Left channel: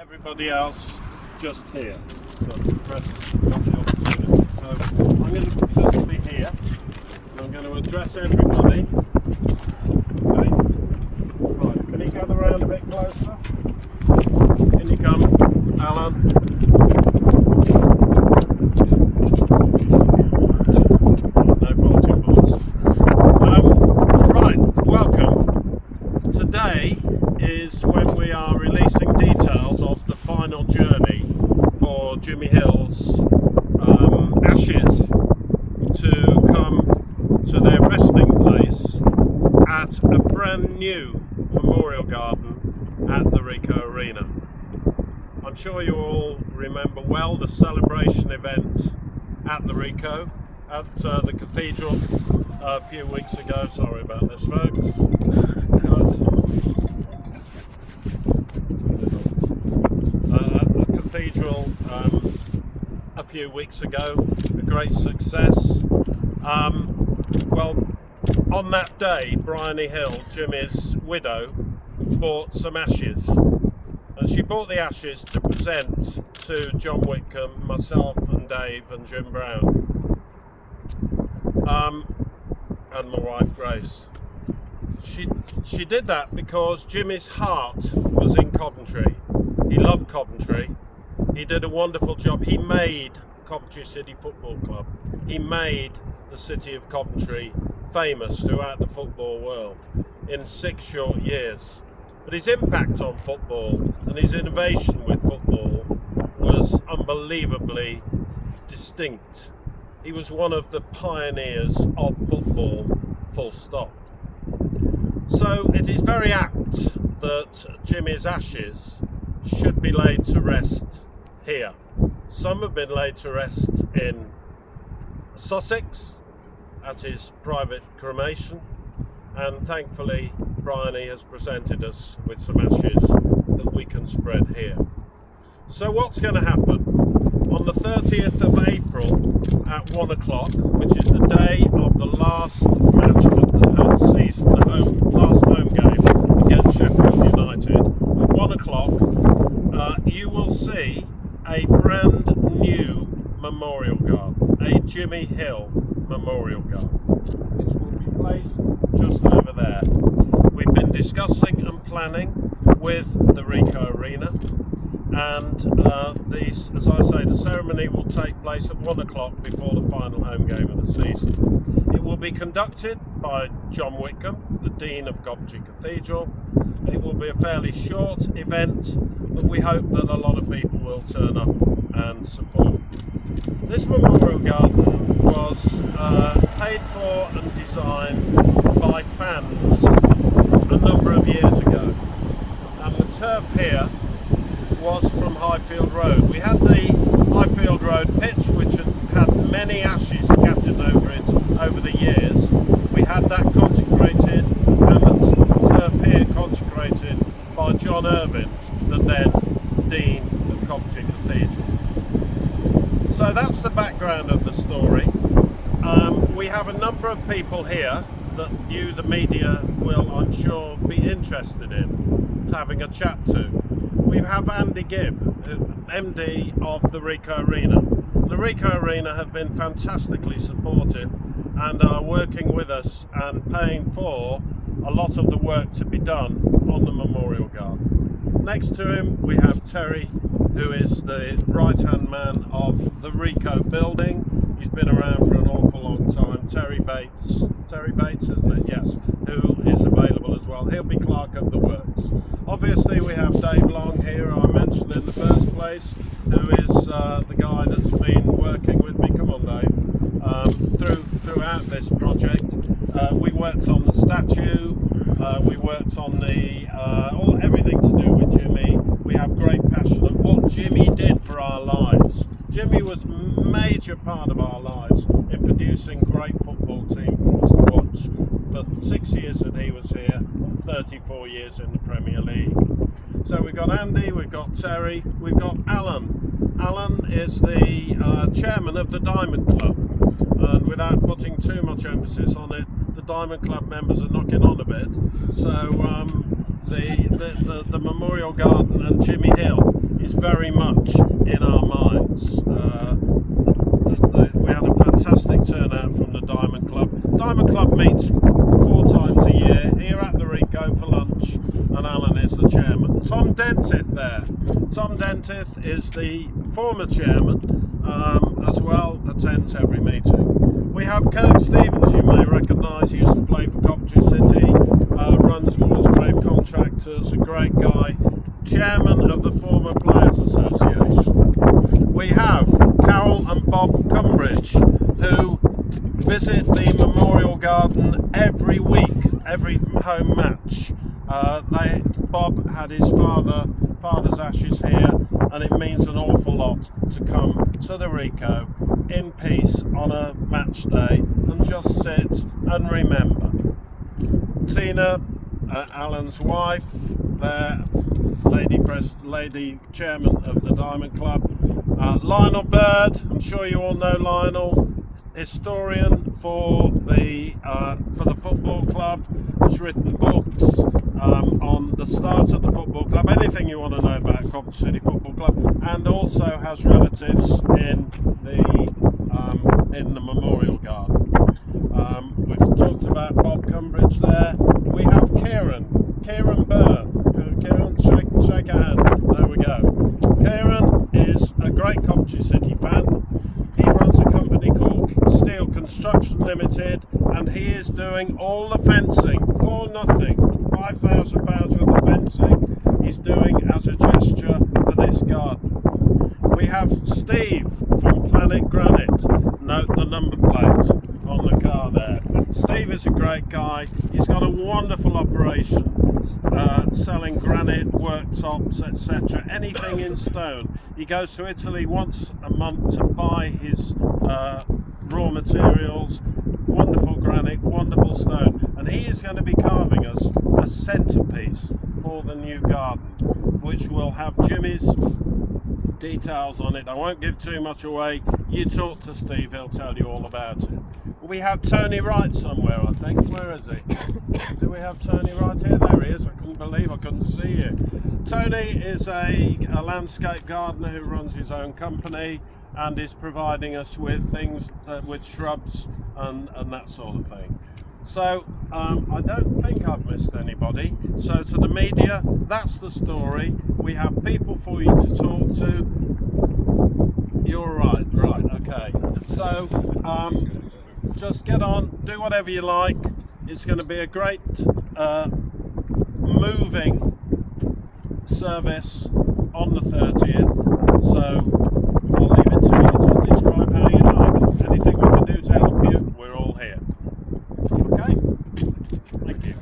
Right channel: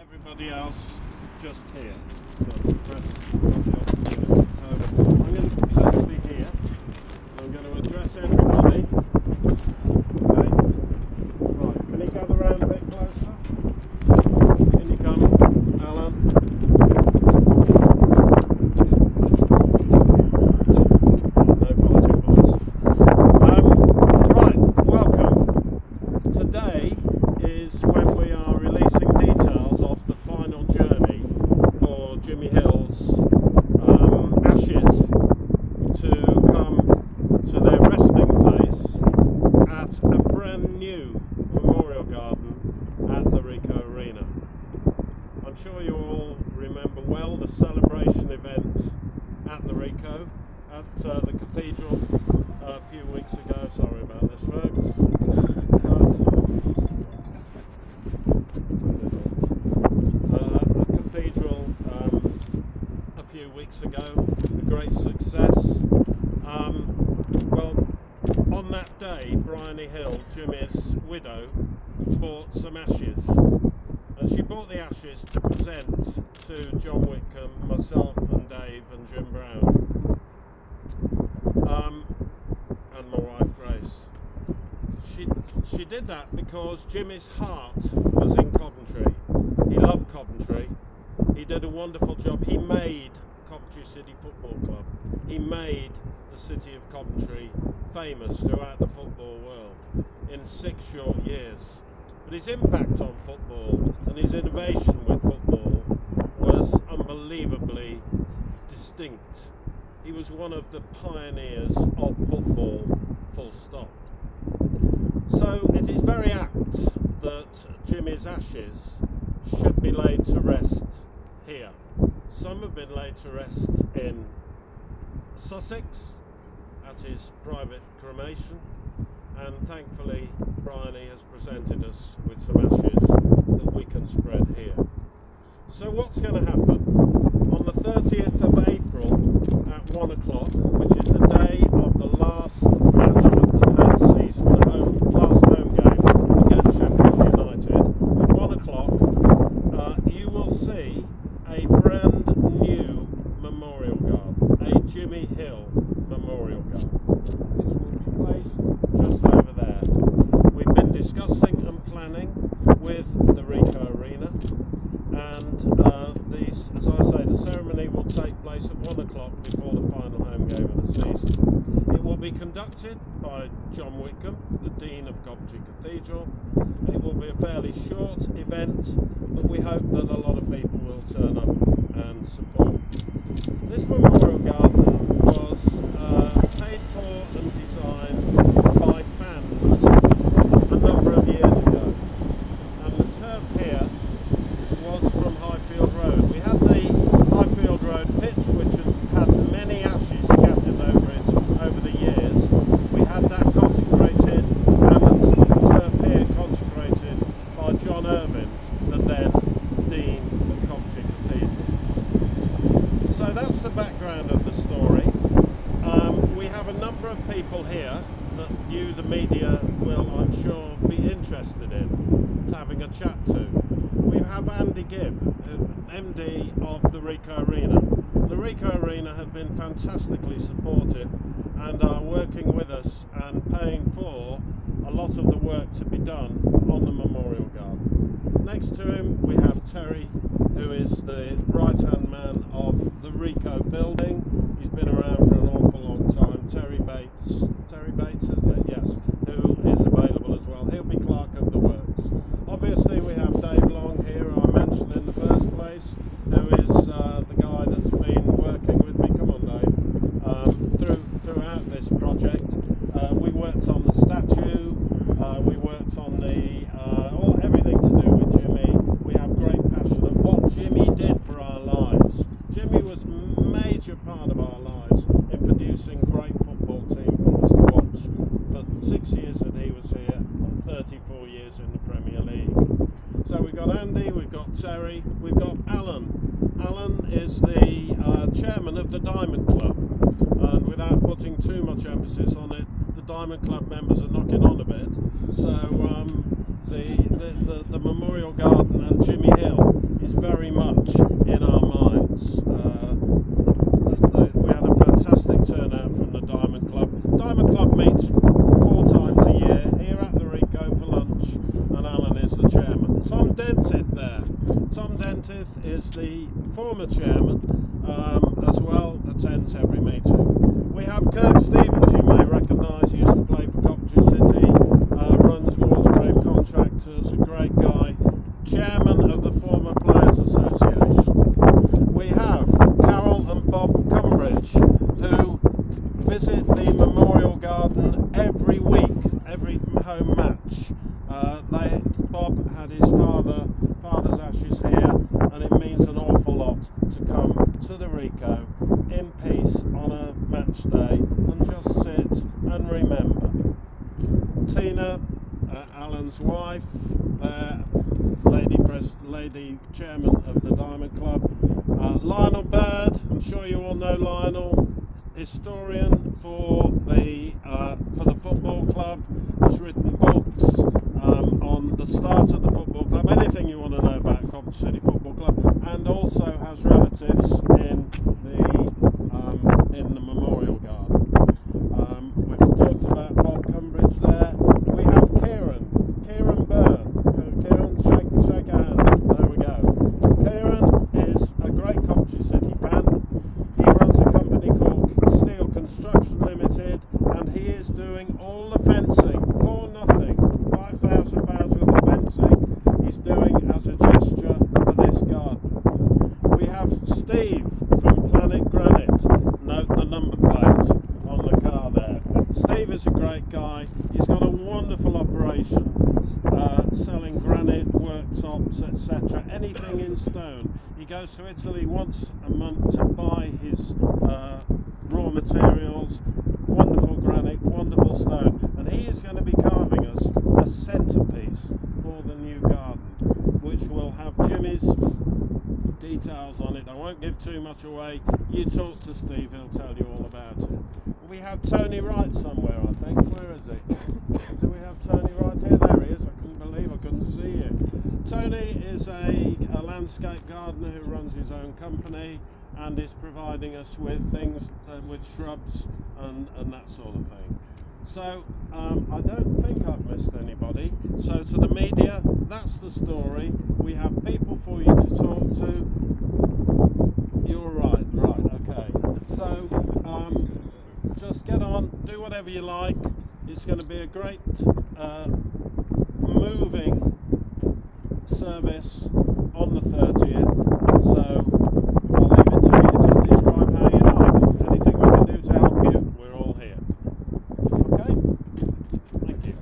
everybody else just here. So press not the opportunity. So I'm going to personally here. I'm going to address everybody. Okay. Right, can you gather around a bit closer? In you come, Alan. No fighting boys. Right, welcome. Today is when we are releasing details of the final journey for Jimmy Hill's ashes to come to their resting place at a brand new memorial garden at the Ricoh Arena. I'm sure you all remember well the celebration event at the Ricoh, at the cathedral a few weeks ago. Sorry about this, folks. At the cathedral a few weeks ago, a great success. Well, on that day, Bryony Hill, Jimmy's widow, bought some ashes, and she bought the ashes to present to John Whitcomb, myself and Dave and Jim Brown, and my wife Grace. She did that because Jimmy's heart was in Coventry. He loved Coventry. He did a wonderful job. He made Coventry City Football Club. He made the city of Coventry famous throughout the football world in 6 short years. But his impact on football and his innovation with football was unbelievably distinct. He was one of the pioneers of football, full stop. So it is very apt that Jimmy's ashes should be laid to rest here. Some have been laid to rest in Sussex at his private cremation, and thankfully Bryony has presented us with some ashes that we can spread here. So what's going to happen? On the 30th of April at 1 o'clock, which is the day of the last match of the season, last home game against Sheffield United, at 1 o'clock you will see a brand new memorial garden, a Jimmy Hill memorial garden, which will be placed just over there. We've been discussing and planning with the Ricoh Arena, and as I say, the ceremony will take place at 1 o'clock before the final home game of the season. It will be conducted by John Whitcomb, the Dean of Coventry Cathedral. It will be a fairly short event, but we hope that a lot of people will turn up and support. This memorial garden was paid for and designed by fans a number of years ago, and the turf here was from Highfield Road. We had the Highfield Road pitch, which had many ashes scattered over it over the years. We had that consecrated, and the turf here consecrated by John Irvine, the then Dean of Coventry Cathedral. So that's the background of the story. We have a number of people here that you, the media, will, I'm sure, be interested in having a chat to. We have Andy Gibb, MD of the Ricoh Arena. The Ricoh Arena have been fantastically supportive and are working with us and paying for a lot of the work to be done on the memorial garden. Next to him we have Terry, who is the right-hand man of the Ricoh building. He's been around for an awful long time. Terry Bates, isn't it? Yes, who is available as well. He'll be clerk of the works. Obviously we have Dave Long here, I mentioned in the first place, who is the guy that's been working with me, come on Dave, throughout this project. We worked on the statue, we worked on everything to do with Jimmy. We have great passion of what Jimmy did for our lives. Jimmy was a major part of our lives in producing great football team for us to watch for 6 years that he was here and 34 years in the Premier League. So we've got Andy, we've got Terry, we've got Alan. Alan is the chairman of the Diamond Club, and without putting too much emphasis on it, the Diamond Club members are knocking on a bit. So the Memorial Garden and Jimmy Hill is very much in our minds. We had a fantastic turnout from the Diamond Club. Diamond Club meets 4 times a year here at the Rico for lunch, and Alan is the chairman. Tom Dentith there. Tom Dentith is the former chairman, as well, attends every meeting. We have Kirk Stevens, you may recognise, he used to play for Coventry City, runs Walsgrave Contractors, a great guy, chairman of the Former Players Association. We have Carol and Bob Cumbridge, who visit the Memorial Garden every week, every home match. Bob had his father's ashes here, and it means an awful lot to come to the Rico in peace on a match day and just sit and remember. Tina, Alan's wife, there, lady chairman of the Diamond Club. Lionel Bird, I'm sure you all know Lionel, historian for the football club, has written books on the start of the football club, anything you want to know about Coventry City Football Club, and also has relatives in the Memorial Garden. We've talked about Bob Cumbridge there. We have Kieran Byrne. Kieran, shake a hand. There we go. Kieran is a great Coventry City fan. He runs a company called Steel Construction Limited, and he is doing all the fencing for nothing. £5,000 worth of fencing he's doing as a gesture for this garden. We have Steve from Planet Granite. Note the number plate on the car there. Steve is a great guy. He's got a wonderful operation selling granite, worktops, etc. Anything in stone. He goes to Italy once a month to buy his raw materials. Wonderful granite, wonderful stone, and he is going to be carving us a centerpiece for the new garden, which will have Jimmy's details on it. I won't give too much away. You talk to Steve, he'll tell you all about it. We have Tony Wright somewhere, I think. Where is he? Do we have Tony Wright here? There he is. I couldn't believe I couldn't see you. Tony is a landscape gardener who runs his own company and is providing us with things with shrubs and that sort of thing. So I don't think I've missed anybody. So to the media, that's the story. We have people for you to talk to. You're right, okay. So just get on, do whatever you like. It's going to be a great moving service on the 30th. So I'll leave it to you to describe how you like. Anything we can do to help you, we're all here. Okay? Thank you.